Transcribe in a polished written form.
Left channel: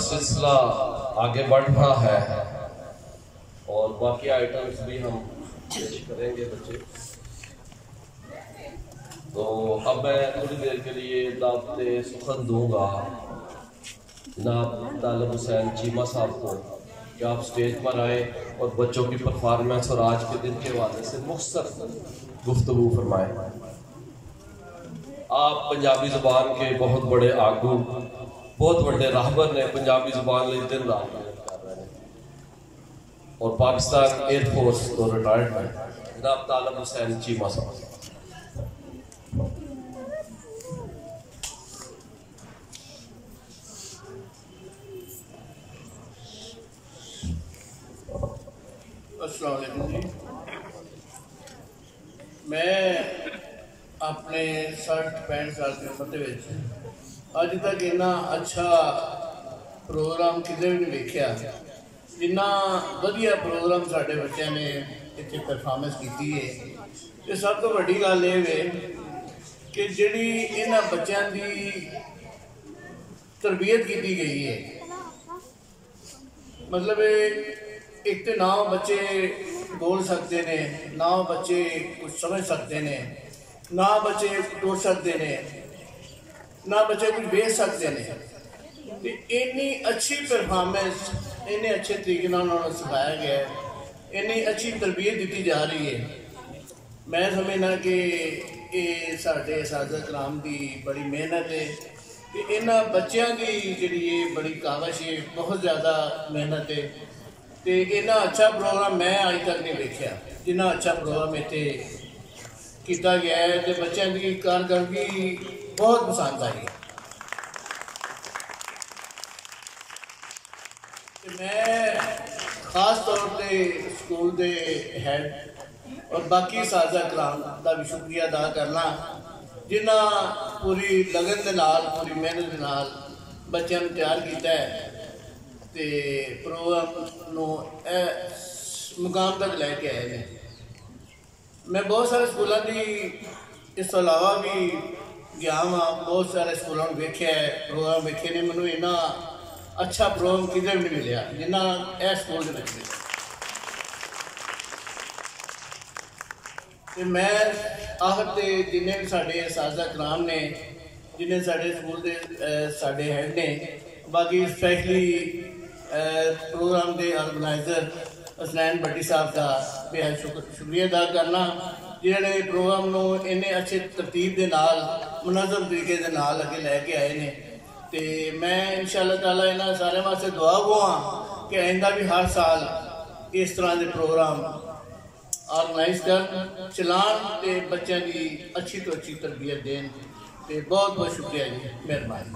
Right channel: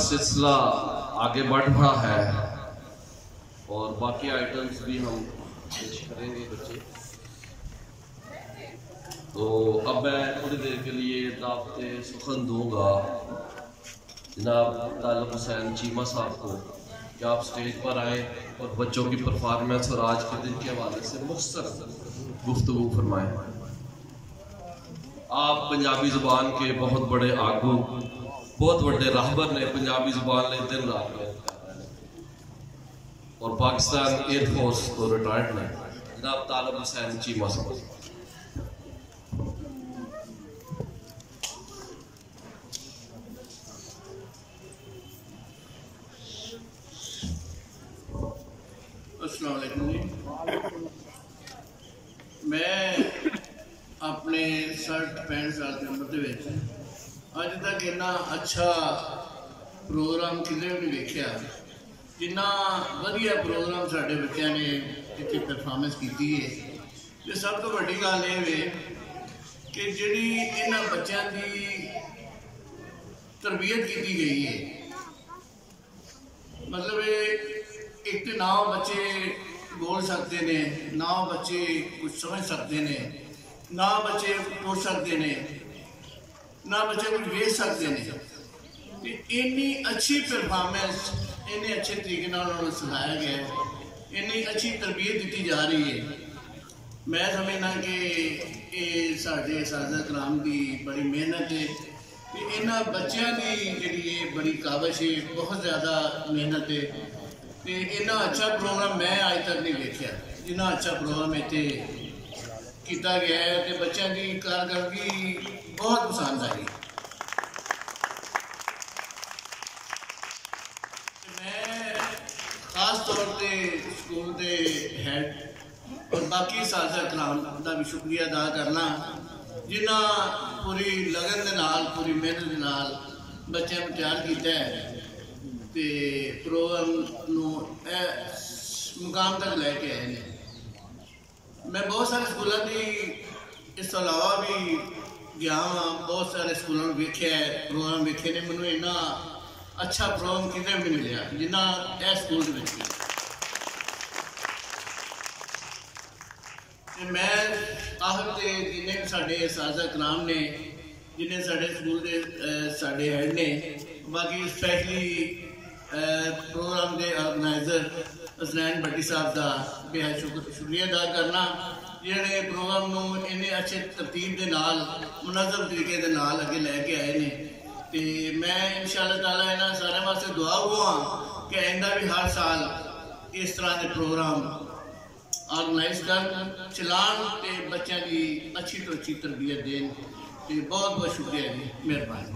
सिलसिला आगे बढ़ रहा है और बाकी आइटम्स भी हम पेश करेंगे बच्चे। तो अब मैं थोड़ी देर के लिए दावत सुखन दूंगा जनाब तालिब हुसैन चीमा साहब को कि आप स्टेज पर आए और बच्चों की परफॉर्मेंस और आज के दिन के हवाले से मुख्तसर गुफ्तगू फरमाएं। आप पंजाबी जुबान के बहुत बड़े आगू, बहुत बड़े राहबर ने पंजाबी जुबान लिए दिन रात मेहनत कर रहे हैं और पाकिस्तान एयरफोर्स को रिटायर्ड है जनाब तालिब हुसैन चीमा साहब। अस्सलाम वालेकुम जी। मैं अपने 60-65 साल की उम्र के अज तक इन्ना अच्छा प्रोग्राम किसी भी नहीं देखा जिन्ना वधिया प्रोग्राम साढ़े बच्चों ने इतने परफॉर्मेंस की है। तो सब तो वड्डी गल ये है कि जिहड़ी इन्हां बच्चों की तरबियत की गई है, मतलब एक तो ना बच्चे बोल सकते हैं, ना बच्चे कुछ समझ सकते हैं, ना बच्चे टुर सकते हैं, ना बच्चे कुछ बेच सकते हैं। इन्नी अच्छी परफॉर्मेंस इन्ने अच्छे तरीके उन्होंने सिखाया गया है, इन्नी अच्छी तरबियत दी जा रही है। मैं समझना कि ये साढ़े सादत कलाम की बड़ी मेहनत है कि इन्होंने बच्चों की जी बड़ी काविश है, बहुत ज़्यादा मेहनत है। तो इन्ना अच्छा प्रोग्राम मैं अज तक नहीं देखा जिन्ना अच्छा प्रोग्राम इतने किया गया है। तो बच्चों की कारकर्दगी बहुत पसंद आई। मैं खास तौर पर स्कूल के हैड और बाकी साजा कलाम का भी शुक्रिया अदा करना जिन्हें पूरी लगन के नाल, पूरी मेहनत के नाल बच्चों को तैयार किया है ते प्रोग्राम नू मुकाम तक लैके आए हैं। मैं बहुत सारे स्कूलों की इस अलावा भी गया हाँ, बहुत सारे स्कूलों में वेख्या है, प्रोग्राम वेखे ने। मैनू इन्ना अच्छा प्रोग्राम किधर भी नहीं मिले जिन्ना यह स्कूल के मिले। मैं आखिर जिन्हें साढ़े साजा कलाम ने, जिन्हें साढ़े स्कूल के साढ़े हैड ने, बाकी स्पैशली प्रोग्राम के ऑर्गेनाइजर हसनैन भट्टी साहब का बेहद शुक्रिया अदा करना जिन्होंने प्रोग्राम को इन्ने अच्छे तरतीब के नाल मुनज़्ज़म तरीके के नाल अगे लैके आए हैं। तो मैं इंशाअल्लाह ताला इन्होंने सारे वास्ते दुआ हुआ कि आइंदा भी हर साल इस तरह के प्रोग्राम ऑर्गेनाइज कर चलान तो बच्चों की अच्छी तो अच्छी तरबियत देन। तो बहुत बहुत शुक्रिया जी, मेहरबानी।